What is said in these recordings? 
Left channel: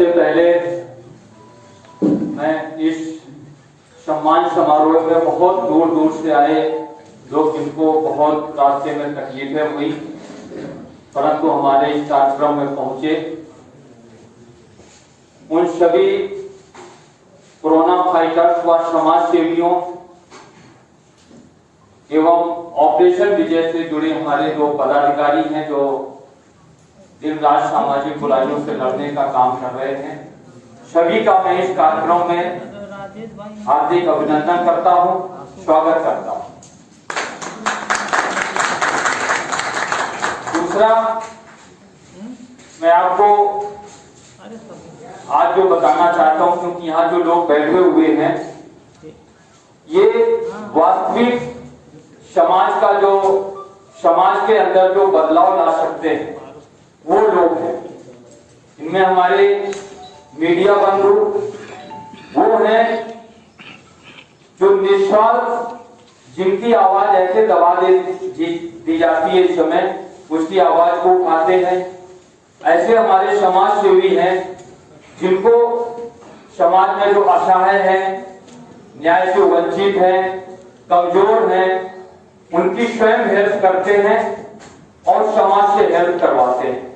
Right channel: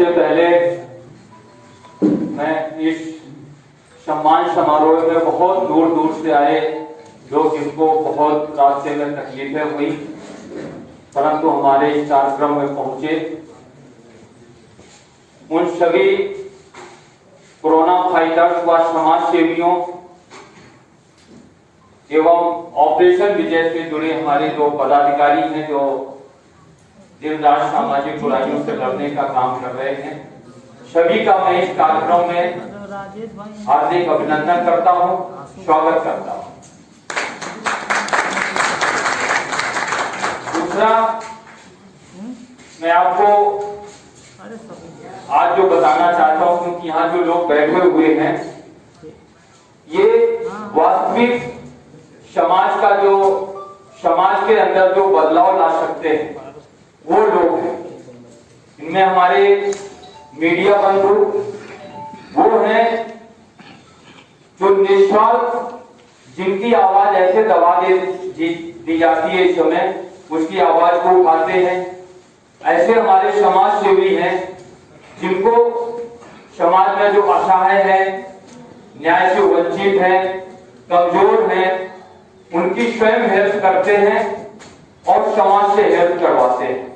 सबसे पहले मैं इस सम्मान समारोह में बहुत दूर दूर से आए लोग जिनको बहुत रास्ते में तकलीफें हुई परंतु हमारे इस कार्यक्रम में पहुंचे, उन सभी कोरोना फाइटर्स व समाज सेवियों एवं ऑपरेशन विजय से जुड़े हमारे जो पदाधिकारी हैं जो दिन रात सामाजिक बुराइयों से लड़ने का काम कर रहे हैं, सभी का मैं इस कार्यक्रम में हार्दिक अभिनंदन करता हूं, स्वागत करता हूं। दूसरा, मैं आपको आज जो बताना चाहता हूं, क्योंकि यहाँ जो लोग बैठे हुए हैं ये वास्तविक समाज के अंदर जो बदलाव ला सकते हैं वो लोग हैं। इनमें हमारे मीडिया बंधु वो हैं जो निस्वार्थ, जिनकी आवाज ऐसे दबा दी जाती है इस समय, उसकी आवाज को उठाते हैं। ऐसे हमारे समाज सेवी हैं जिनको समाज में जो असहाय है, न्याय से वंचित है, कमजोर है, उनकी स्वयं हेल्प करते हैं और समाज से हेल्प करवाते हैं।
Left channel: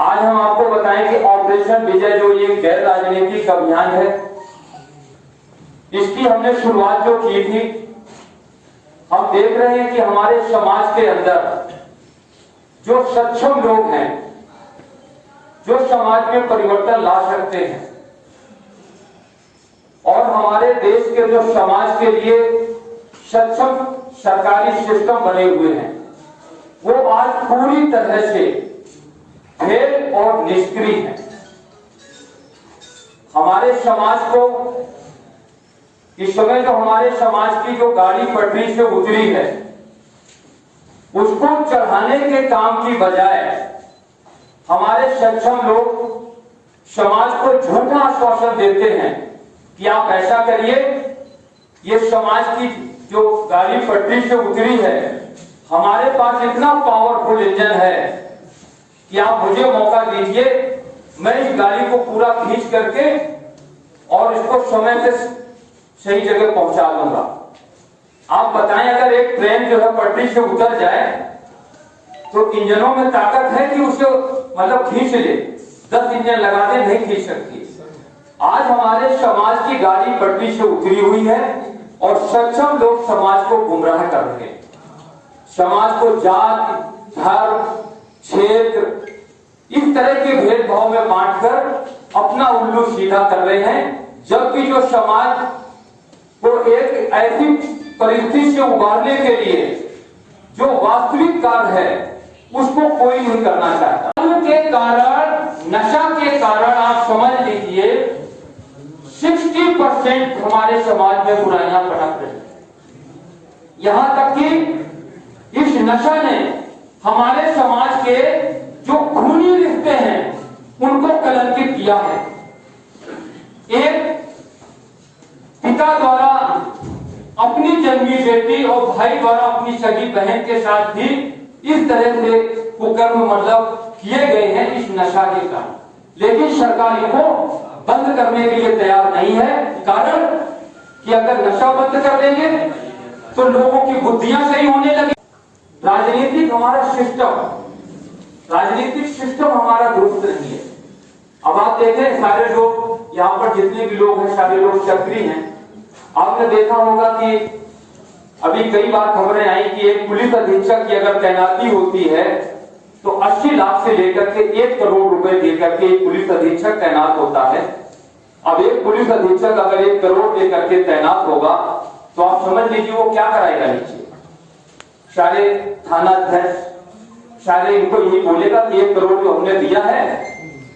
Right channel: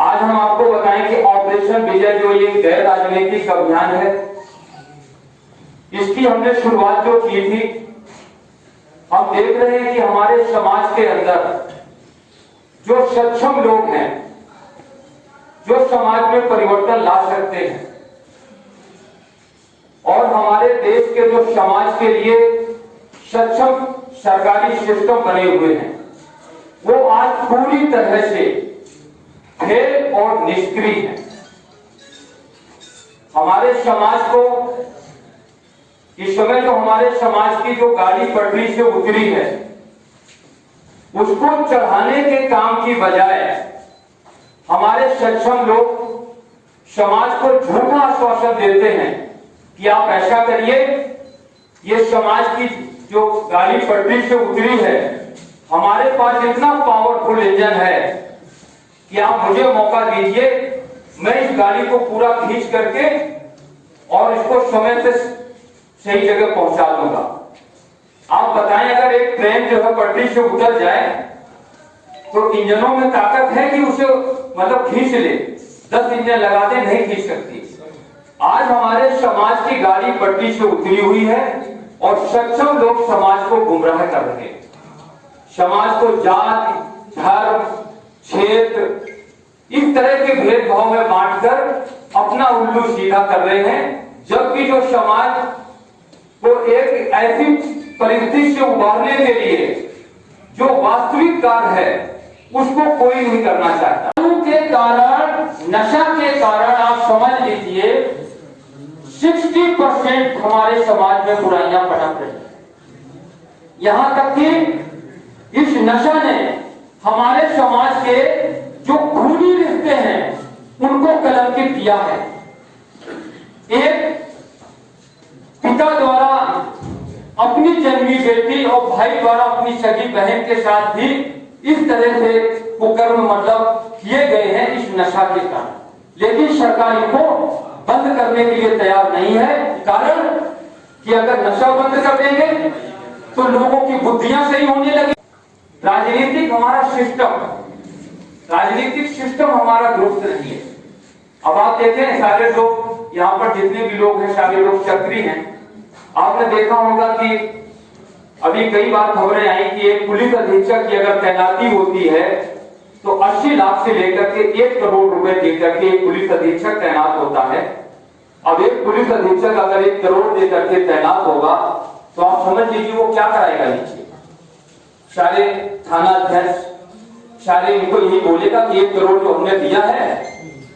आज हम आपको बताएं कि ऑपरेशन विजय जो ये गैर राजनीतिक अभियान है, इसकी हमने शुरुआत जो की थी, हम देख रहे हैं कि हमारे समाज के अंदर जो सक्षम लोग हैं, जो समाज में परिवर्तन ला सकते हैं और हमारे देश के जो समाज के लिए सक्षम सरकारी सिस्टम बने हुए हैं, वो आज पूरी तरह से फेल और निष्क्रिय है। हमारे समाज को इस समय जो हमारे समाज की जो गाड़ी पटरी से उतरी है, उसको चढ़ाने के काम की बजाय हमारे सक्षम लोग समाज को झूठा आश्वासन देते हैं कि आप ऐसा करिए, ये समाज की जो गाड़ी पटरी से उतरी है, हमारे पास इतना पावरफुल इंजन है कि आप मुझे मौका दीजिए, मैं इस गाड़ी को पूरा खींच करके और इसको समय से सही जगह पहुंचा दूंगा। आप बताएं, अगर एक ट्रेन जो है पटरी से उतर जाए तो इंजनों में ताकत है कि उसे मतलब खींच ले, 10 इंजन लगा दे, नहीं खींच सकती। आज हमारे समाज की गाड़ी पटरी से उतरी हुई है और सक्षम लोग समाज को गुमराह कर रहे हैं। समाज को जात, धर्म, क्षेत्र, इस तरह के भेदभाव में बांटकर अपना उल्लू सीधा कर रहे हैं, जबकि जो समाज को एक ऐसी परिस्थिति से उबारने के लिए जो वास्तविक कार्य है उसको कोई नहीं करना चाहता। के कारण, नशा के कारण आप समझ लीजिए 60% हमारे समाज में बुराइयां पनप रही हैं। यहां तक कि इस नशा ने हमारे समाज के जो खूनी रिश्ते हैं उनको कलंकित किया है। एक पिता द्वारा अपनी जन्मी बेटी और भाई द्वारा अपनी सगी बहन के साथ भी इस तरह से कुकर्म मतलब किए गए हैं इस नशा के कारण, लेकिन सरकार इनको बंद करने के लिए तैयार नहीं है। कारण कि अगर नशा बंद कर देंगे तो लोगों की बुद्धियां सही होने लगी। राजनीतिक हमारा सिस्टम, राजनीतिक सिस्टम हमारा दुरुस्त नहीं है। अब आप देखें, सारे लोग यहाँ पर जितने भी लोग हैं, सारे लोग सक्रिय हैं। आपने देखा होगा कि अभी कई बार खबरें आई कि एक पुलिस अधीक्षक की अगर तैनाती होती है तो 80 लाख से लेकर के 1 करोड़ रुपए देकर के एक पुलिस अधीक्षक तैनात होता है। अब एक पुलिस अधीक्षक अगर 1 करोड़ देकर के तैनात होगा तो आप समझ लीजिए वो क्या कराएगा। नीचे सारे थाना अध्यक्ष सारे इनको यही बोलेगा कि 1 करोड़ जो हमने दिया है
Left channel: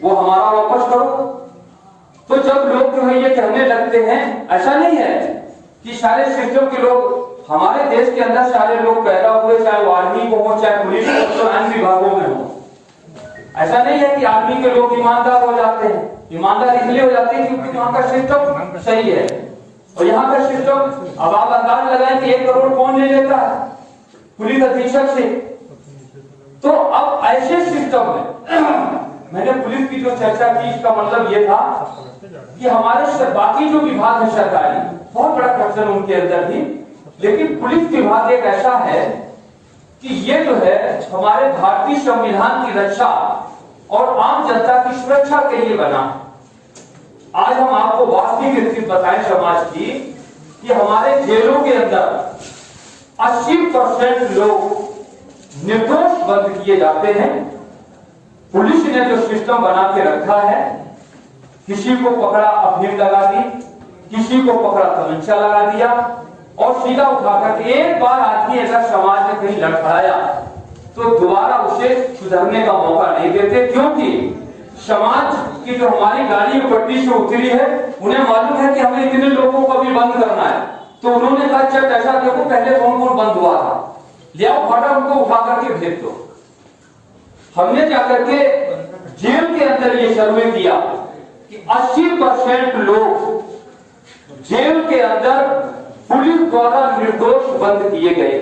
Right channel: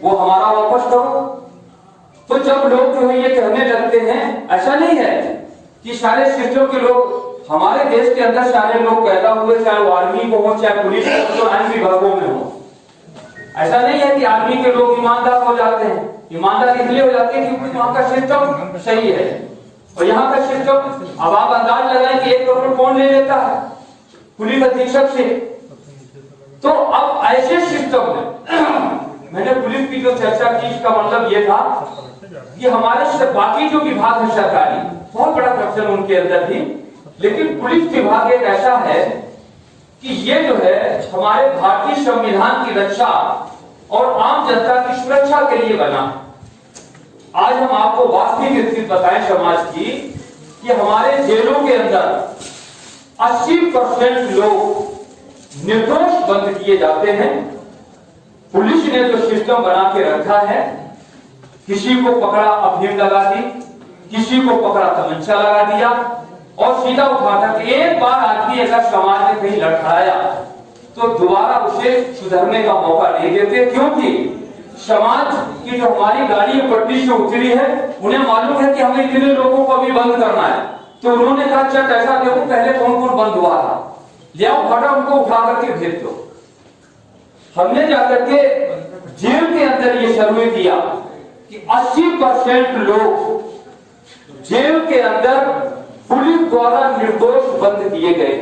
वो हमारा वापस करो। तो जब लोग जो है ये कहने लगते हैं, ऐसा नहीं है कि सारे सिस्टम के लोग, हमारे देश के अंदर सारे लोग पैदा हुए, चाहे वो आर्मी को हो, चाहे पुलिस को, तो अन्य विभागों में हो। ऐसा नहीं है कि आर्मी के लोग ईमानदार हो जाते हैं। ईमानदार इसलिए हो जाते हैं क्योंकि वहां का सिस्टम सही है और यहाँ का सिस्टम। अब आप अंदाज लगाएं कि 1 करोड़ कौन ले लेता है पुलिस अधीक्षक से। तो अब ऐसे सिस्टम में मैंने पुलिस की जो चर्चा की, इसका मतलब ये था कि हमारे बाकी जो विभाग है सरकारी, बहुत बड़ा करप्शन उनके अंदर थी, लेकिन पुलिस विभाग एक ऐसा है कि ये जो है हमारे भारतीय संविधान की रक्षा और आम जनता की सुरक्षा के लिए बना। आज हम आपको वास्तविक स्थिति बताएं समाज की कि हमारे जेलों के अंदर 80% लोग निर्दोष बंद किए जाते हैं। पुलिस ने जो सिस्टम बना के रखा है, किसी को पकड़ा अफीम लगा दी, किसी को पकड़ा तमंचा लगा दिया और सीधा उठाता कि एक बार आदमी ऐसा समाज में कहीं लड़खड़ाया तो दोबारा उसे सुधरने का मौका नहीं देते, क्योंकि समाज की जो हमारी गाड़ी पटरी से उतरी है उन्हें मालूम है कि हमें इतने लोगों को भी बंद करना है। तो उन्होंने कहा चल ऐसा देखो पहले कौन कौन बंद हुआ था, ले आओ फटा उनको उठा करके भेज दो। हमने जाकर के जेल के अंदर ये सर्वे किया कि 80% लोग जेल के अंदर पुलिस द्वारा निर्दोष बंद किए गए।